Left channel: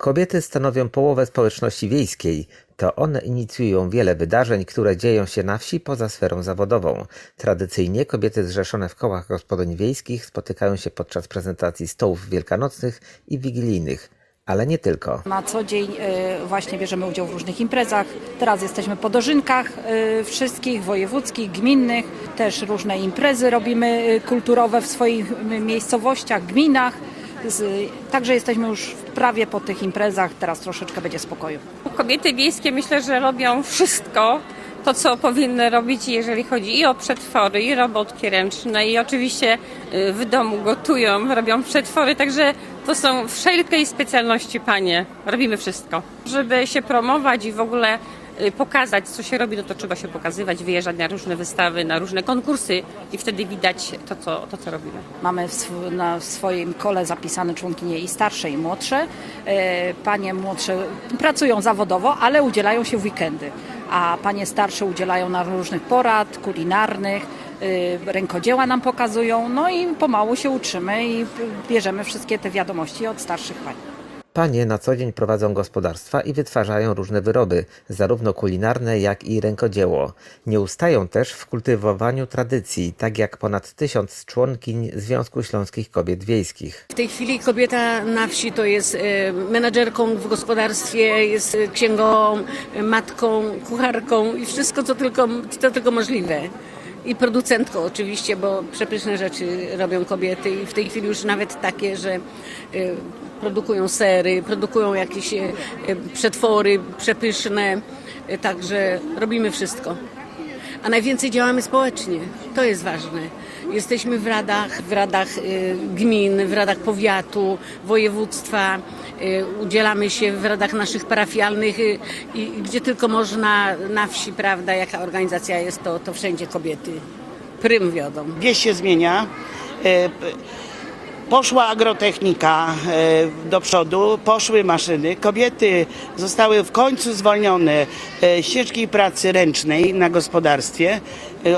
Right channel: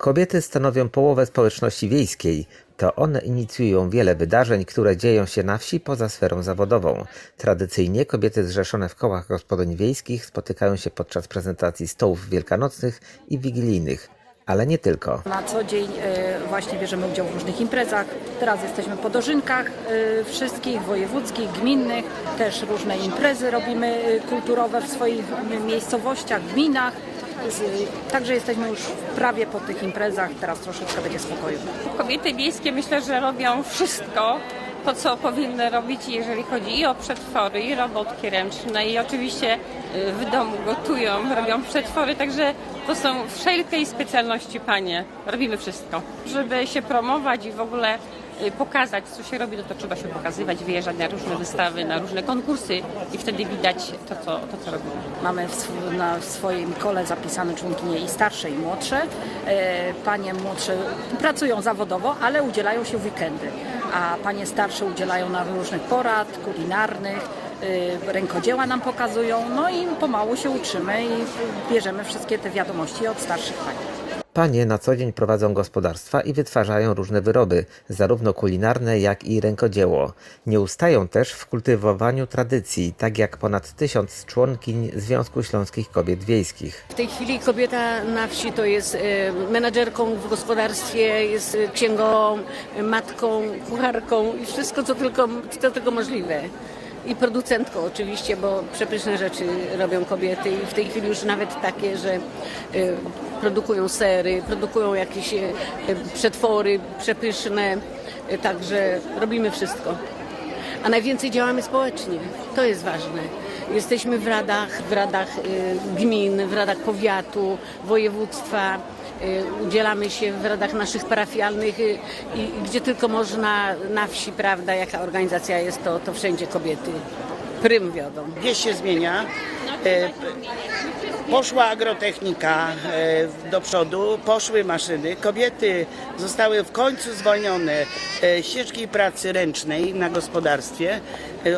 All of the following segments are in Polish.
Kobiety stanowią połowę społeczności wiejskiej. To one inicjują wiele wydarzeń, które dzieją się na wsi poza sferą zawodową. Tradycyjnie kobiety zrzeszone w kołach gospodyń wiejskich spotykają się podczas prezentacji stołów wielkanocnych i wigilijnych, ale nie tylko. Na co dzień e, właśnie bierzemy udział w różnych imprezach. Teraz jesteśmy po dożynkach e, wszystkich wojewódzkich, gminnych. Też różne imprezy robimy e, kulturowe w swoich miejscowościach, gminach. Z, także jesteśmy już prawie po tych imprezach. Teraz troszeczkę będzie spokoju. Kobiety wiejskie myślę, że robią wszystko, to co powinny robić, jeżeli chodzi i o przetwory, i robotki ręczne, i oczywiście y, w domu gotują, robią przetwory, także to są wszelkiej specjalności panie. Robimy wszystko. Żeby się promować i w ogóle pokazać, co się robi, no to trzeba się pokazywać, wyjeżdżać na różne wystawy, na różne konkursy i wtedy widać to, co, to, co robimy. Mamy w, sw- na swoim kole zapisane członkinie i starsze, i młodsze. E, Panie młodsze pracują zawodowo, ale udzielają się w weekendy, a panie starsze udzielają nam różnych porad kulinarnych, e, rękodzieła nam pokazują, no i pomału się uczymy i bierzemy wszystkie te wiadomości od starszych pań. Panie na co dzień prowadzą gospodarstwa i wytwarzają różne wyroby, zarówno kulinarne, jak i rękodzieło. Nie ustają też w kultywowaniu tradycji, tak jak ponad tysiąc członkiń Związku Śląskich Kobiet Wiejskich. W tej chwili kobieta na wsi to jest e, menadżerką w gospodarstwie, jest e, księgową, e, matką, kucharką i wszystko, co tylko co tylko możliwe. I producentką oczywiście, bo przepyszne rzeczy robią kobiety i w tej chwili już nawet takie, że e, produkują sery, produkują jakieś e, przetwory przepyszne, e, także robimy wszystko. A najwięcej działamy społecznie. To jest ważne. Jesteśmy w radach, w radach y, gmin, w radach powiatu, województwa. Y, Udzielamy się w radach naszych parafialnych y, i gdzie tylko można na wsi, prawda, jaka organizacja jest, to, to wszędzie kobiety prym wiodą. wieś się zmienia. E, Poszła agrotechnika e, do przodu, poszły maszyny. Kobiety zostały w końcu zwolnione e, z ciężkiej pracy ręcznej na gospodarstwie.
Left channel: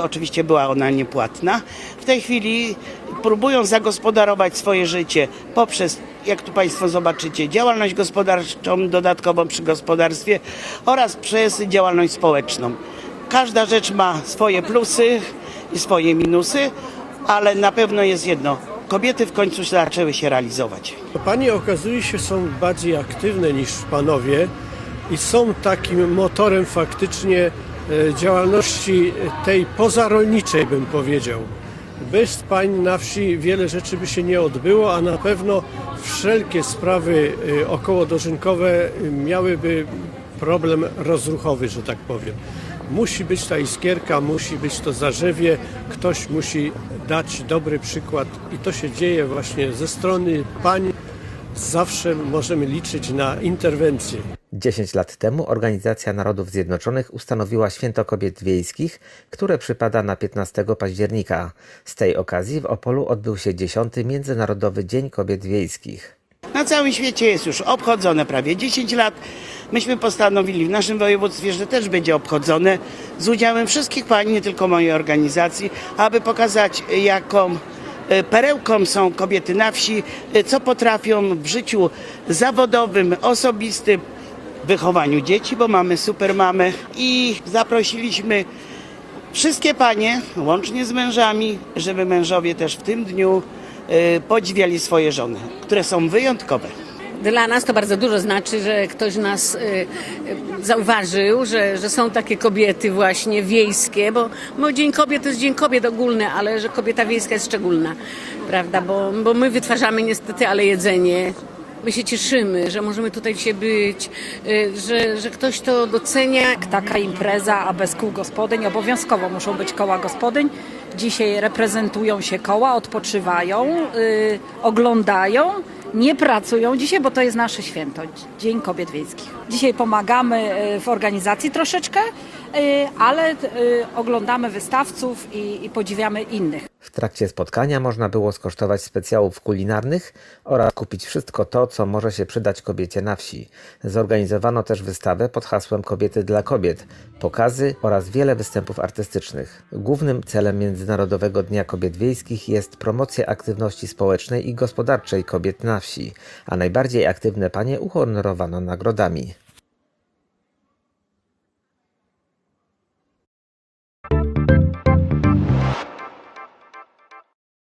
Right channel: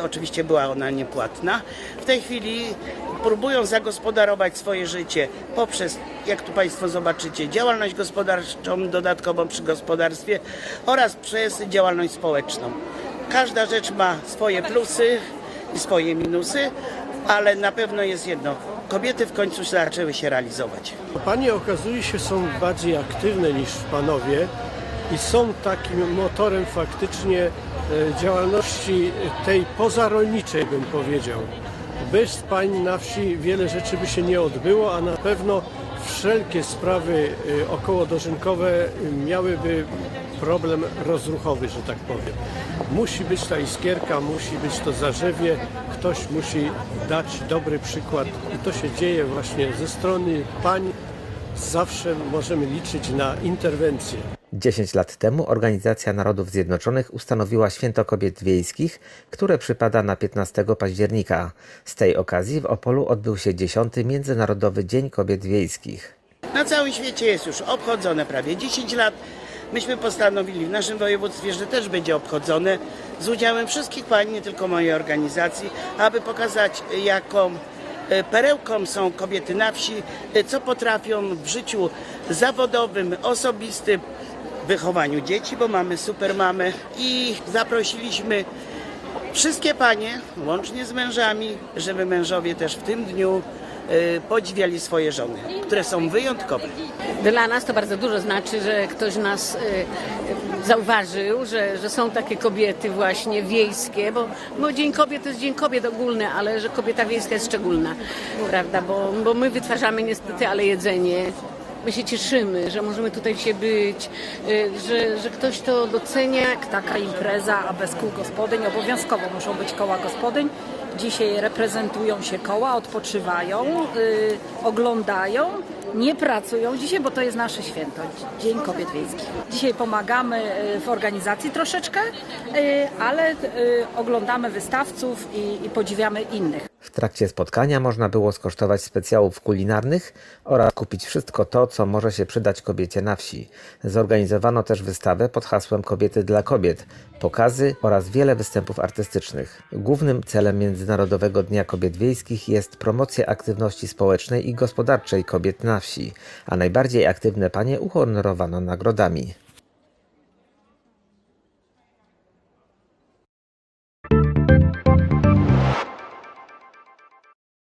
Oczywiście była ona niepłatna. W tej chwili próbują zagospodarować swoje życie poprzez, jak tu Państwo zobaczycie, działalność gospodarczą dodatkową przy gospodarstwie oraz przez działalność społeczną. Każda rzecz ma swoje plusy i swoje minusy, ale na pewno jest jedno. Kobiety w końcu zaczęły się realizować. Panie okazuje się są bardziej aktywne niż panowie i są takim motorem faktycznie e, działalności tej pozarolniczej bym powiedział. Bez pań na wsi wiele rzeczy by się nie odbyło, a na pewno wszelkie sprawy e, okołodożynkowe miałyby problem rozruchowy, że tak powiem. Musi być ta iskierka, musi być to zarzewie, ktoś musi dać dobry przykład i to się dzieje właśnie ze strony pań. Zawsze możemy liczyć na interwencję. 10 lat temu Organizacja Narodów Zjednoczonych ustanowiła Święto Kobiet Wiejskich, które przypada na 15 października. Z tej okazji w Opolu odbył się 10. Międzynarodowy Dzień Kobiet Wiejskich. Na całym świecie jest już obchodzone prawie 10 lat. Myśmy postanowili w naszym województwie, że też będzie obchodzone z udziałem wszystkich pań, nie tylko mojej organizacji, aby pokazać jaką e, perełką są kobiety na wsi, e, co potrafią w życiu zawodowym, osobistym, wychowaniu dzieci, bo mamy super mamę i zaprosiliśmy wszystkie panie, łącznie z mężami, żeby mężowie też w tym dniu e, podziwiali swoje żony, które są wyjątkowe. Dla nas to bardzo dużo znaczy, że ktoś nas e, zauważył, że, że są takie kobiety właśnie wiejskie, bo, bo Dzień Kobiet to jest Dzień Kobiet ogólny, ale że kobieta wiejska jest szczególna, prawda, bo, bo my wytwarzamy niestety ale jedzenie. My się cieszymy, że możemy tutaj dzisiaj być, e, że, że ktoś to docenia. taka impreza, a bez kół gospodyń obowiązkowo muszą być koła gospodyń. Dzisiaj reprezentują się koła, odpoczywają, y, oglądają, nie pracują dzisiaj, bo to jest nasze święto, Dzień Kobiet Wiejskich. Dzisiaj pomagamy y, w organizacji troszeczkę, y, ale y, oglądamy wystawców i podziwiamy innych. W trakcie spotkania można było skosztować specjałów kulinarnych oraz kupić wszystko to, co może się przydać kobiecie na wsi. Zorganizowano też wystawę pod hasłem Kobiety dla kobiet, pokazy oraz wiele występów artystycznych. Głównym celem Międzynarodowego Dnia Kobiet Wiejskich jest promocja aktywności społecznej i gospodarczej kobiet na wsi, a najbardziej aktywne panie uhonorowano nagrodami.